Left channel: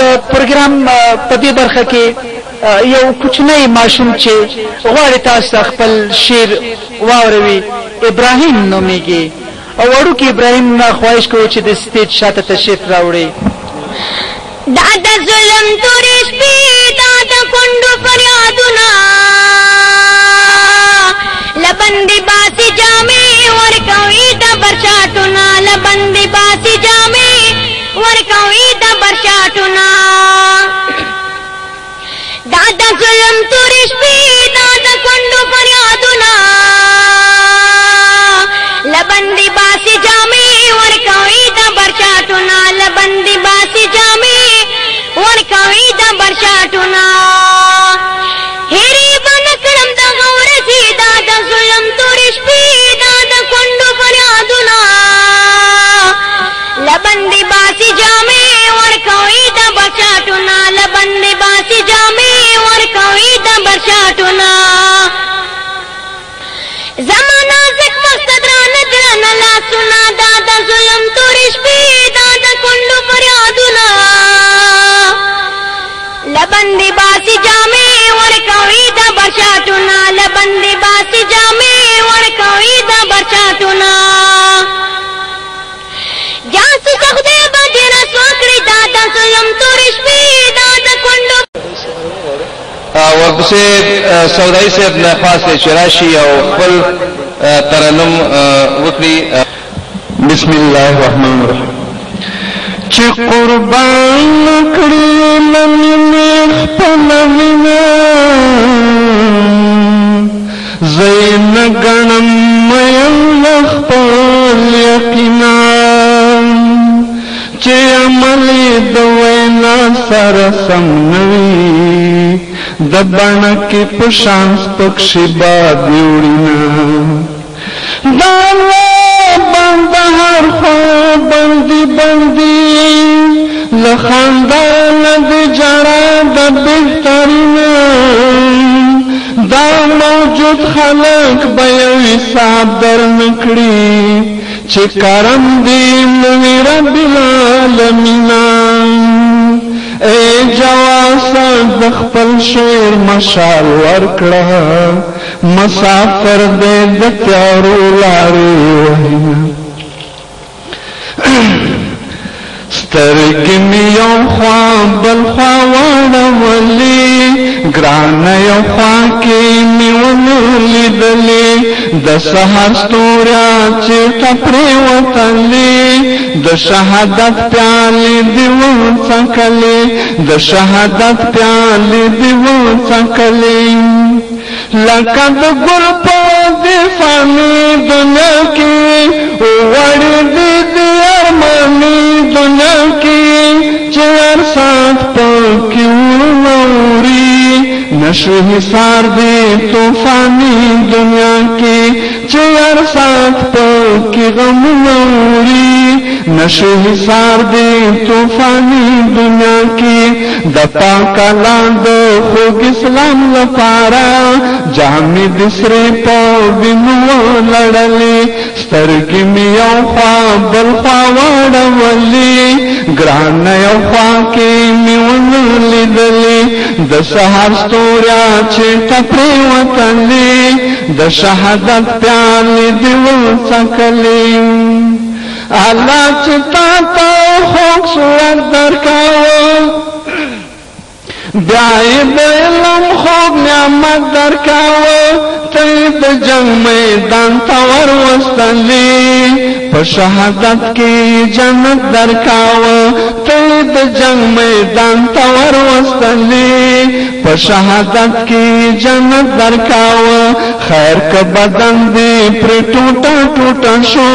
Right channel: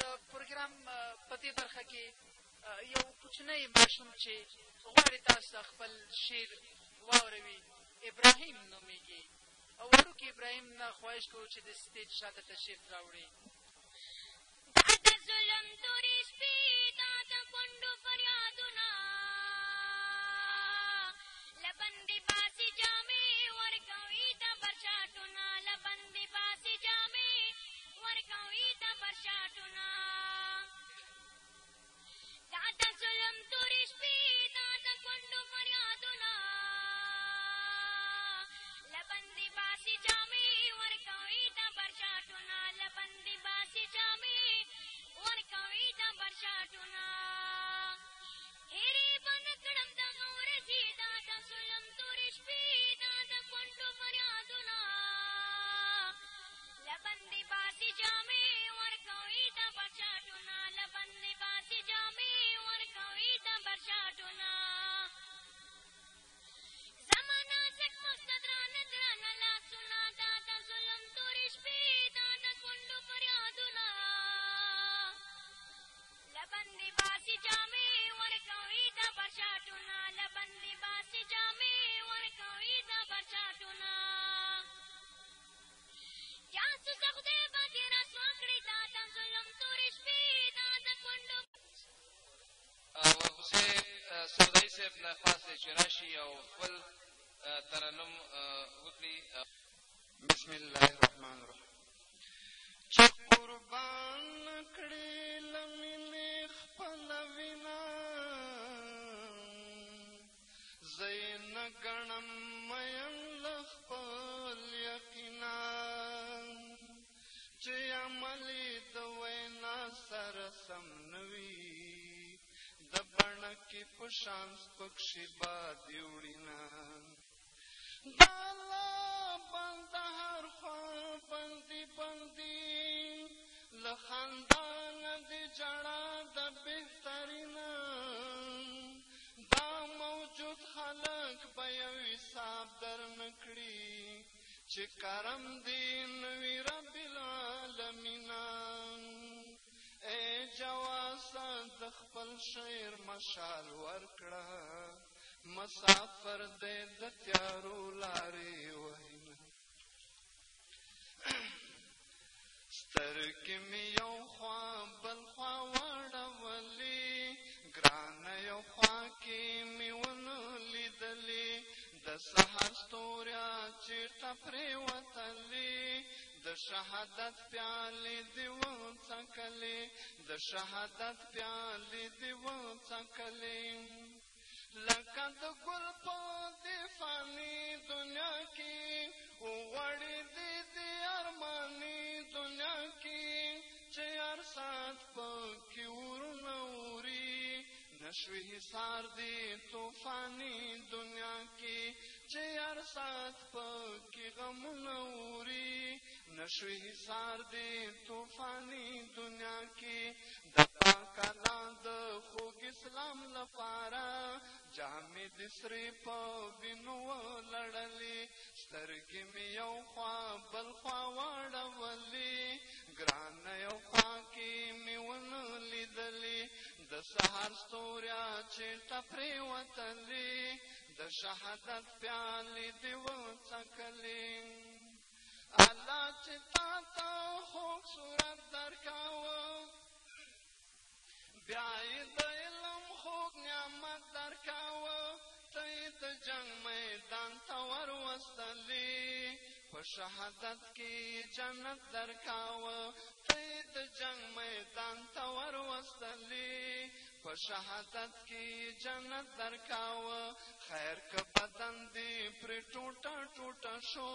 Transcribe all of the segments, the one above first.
د پروګرام په دې برخه کې یو کوچنی ماشوم چې غواړي تاسو خپل شعر واوروي ابراهیم نومېږي او وړوکی ابراهیم نه خواهش کوو چې د سټیج شاته تشریف راوړي. دا د ظلم تورې شپې دا د کونډو فریادونه لبندې باسي جامې ورکوي د برشاټونه لبندې باسي جامې ورکوي د برشاټونه دا د ظلم تورې شپې دا د کونډو فریادونه لبندې باسي جامې ورکوي د برشاټونه لبندې باسي جامې ورکوي د برشاټونه هېرې به نه کړم دغه ورځې دا د ظلم تورې شپې دا د کونډو فریادونه لبندې باسي جامې ورکوي د برشاټونه لبندې باسي جامې ورکوي د برشاټونه زمانه زک مقصد رانه درنه لاسونه دا د ظلم تورې شپې دا د کونډو فریادونه لبندې باسي جامې ورکوي د برشاټونه لبندې باسي جامې ورکوي د برشاټونه جاسو خدای به دې رسوا کړي دا د ظلم تورې شپې دا د کونډو. ورپسې سودایي صاحب نه خاص دی چې راشي او خپل ترنم وکړي. بسم الله الرحمن الرحیم. چې قربان کړي لمنې خپل وینا زین غنم مې خپل یقینا چې عمل د وینا سره سم نوي د بڼه کې په شان پکښې باد وړینا دا بنده هر خوا بندي بندي له خندانه د جړا د بهترینه دا موجود خلک به یو حساب در نه کړي چې کرم دې نوي رب العالمینا. ای جواسه د خپل شعر مشال ورکړه مسافر دې د تیارو لارې وهینه سترګې مې یو خوا بل خوا واړولې ګرانه یو خوا کې مې ونه لیدلې د سحر ستوریا چېرته پرېوتلې د شهادت پیالې دې وڅکلې د شهادت پیالې دې وڅکلې لکه د ګل په دې فاني دنیا کې وړې دې دې ارماني دنیا کې چې هر ساعت پکې وروري نشو حصار دې طوفاني دنیا کې چې هر ساعت پکې غمونه وړي نشو حصار دې طوفاني دنیا کې د پاک الله د خوږ اسلام لپاره جامې د سرې په وینو لړلې سترګې مې یو خوا بل خوا واړولې ګرانه یو خوا کې مې ونه لیدلې د سحر ستوریا چېرته پرېوتلې د شهادت پیالې دې وڅکلې الله چې تا ته خوږ صورت درکاوه بیا یې د علم خوږ نعمت درکاوه ته یې د جنګ میدان ته وروستلې په شهادت کې جنت درکاوه ته یې د جنګ میدان ته وروستلې په شهادت کې جنت درکاوه خیر که بدن دې پرې ټوټه ټوټه شو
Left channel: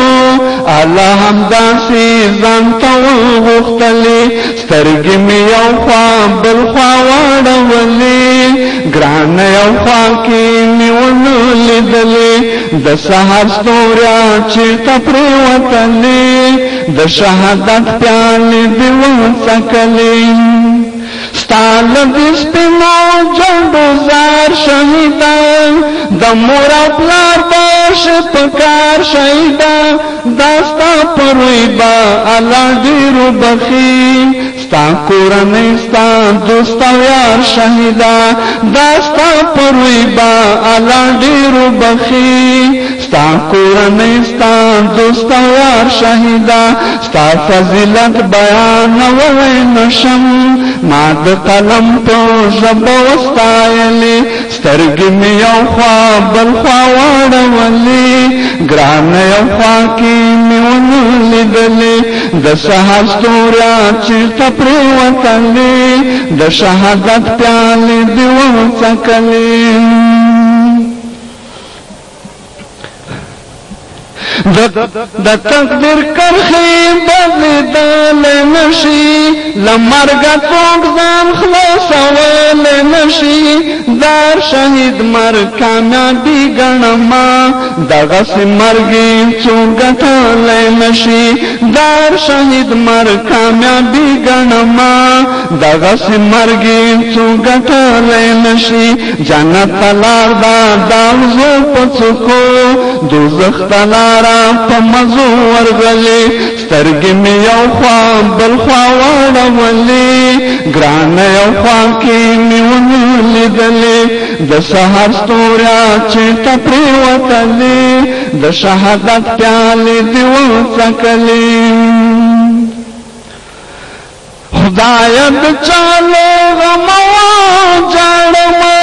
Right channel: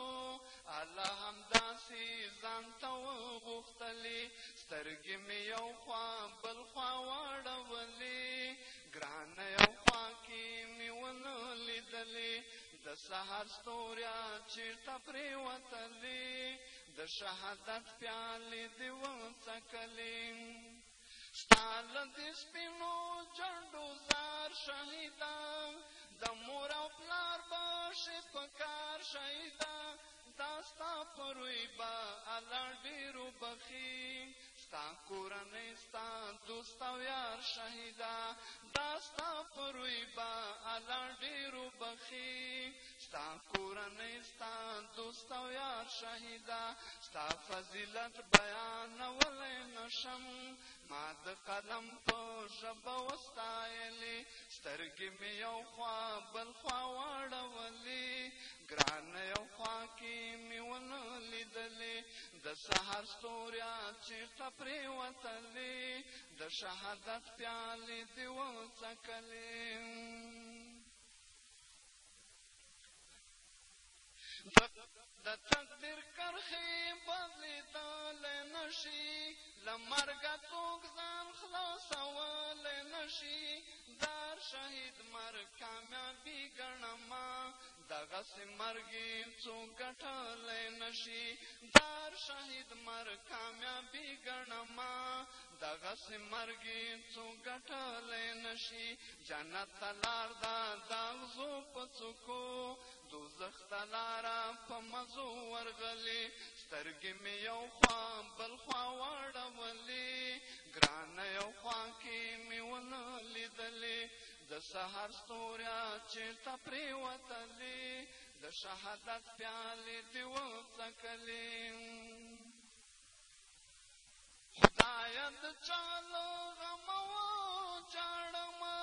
الله همداسې ځان ته وغوښتلې سترګې مې یو خوا بل خوا واړولې ګرانه یو خوا کې مې ونه لیدلې د سحر ستوریا چېرته پرېوتلې د شهادت پیالې دې وڅکلې ستا له دې سپینو جنډو زار شهیدان د مور او پلار باش په کار شهیدان دا ستا په روی به الله ډېرو بخي ستا کورنۍ ستا دوست او یار شهیدا دا ستا پروي با الله ډېرو بخي ستا کورنۍ ستا دوست او یار شهیدا ستا فضیلت بیانولی نشم ما د قلم په ژبه وستایلې سترګې مې یو خوا بل خوا واړولې ګرانه یو خوا کې مې ونه لیدلې د سهار ستوریا چېرته پرېوتلې د شهادت پیالې دې وڅکلې د تقدیر کرخې بدلېدلی نشي له مرګه څوک ځان خلاصولی نشي دار شهید مرګ کامیابي ګڼمه دغسې مرګ یې څوک ګټلی نشي دار شهید مرګ کامیابي ګڼمه دغسې مرګ یې څوک ګټلی نشي جنت ته لار ده د اغزو په څوکو دوزخ ته لاره په مزو ورغلې سترګې مې یو خوا بل خوا واړولې ګرانه یو خوا کې مې ونه لیدلې د سهار ستوریا چېرته پرېوتلې د شهادت پیالې دې وڅکلې خدایه د چا له غمه وجاړمه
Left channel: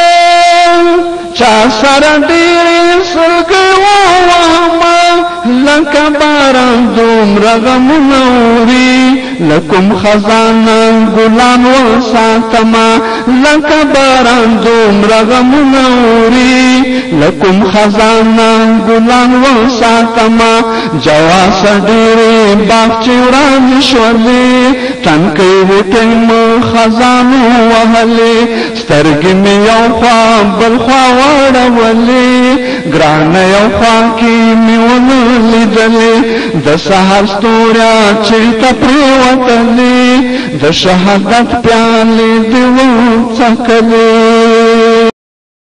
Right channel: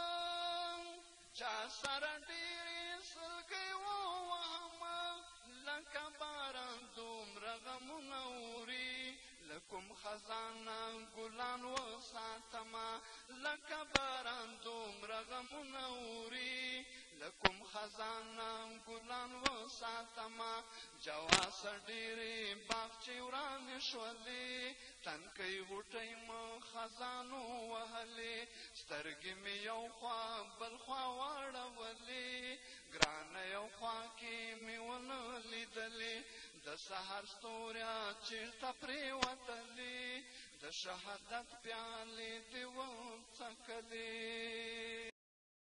چا سره ډېرې سلګۍ ووهمه لکه باران دومره غمونه وړي لکم خزانه ګلان وساتمه لکه باران دومره غمونه وړي لکم خزانه ګلان وساتمه جواسه ډېرې باغچې ورانې شولې تنکۍ بوټۍ مو خزانو وهلې سترګې مې یو خوا بل خوا واړولې ګرانه یو خوا کې مې ونه لیدلې د سهار ستوریا چېرته پرېوتلې د شهادت پیالې دې وڅکلې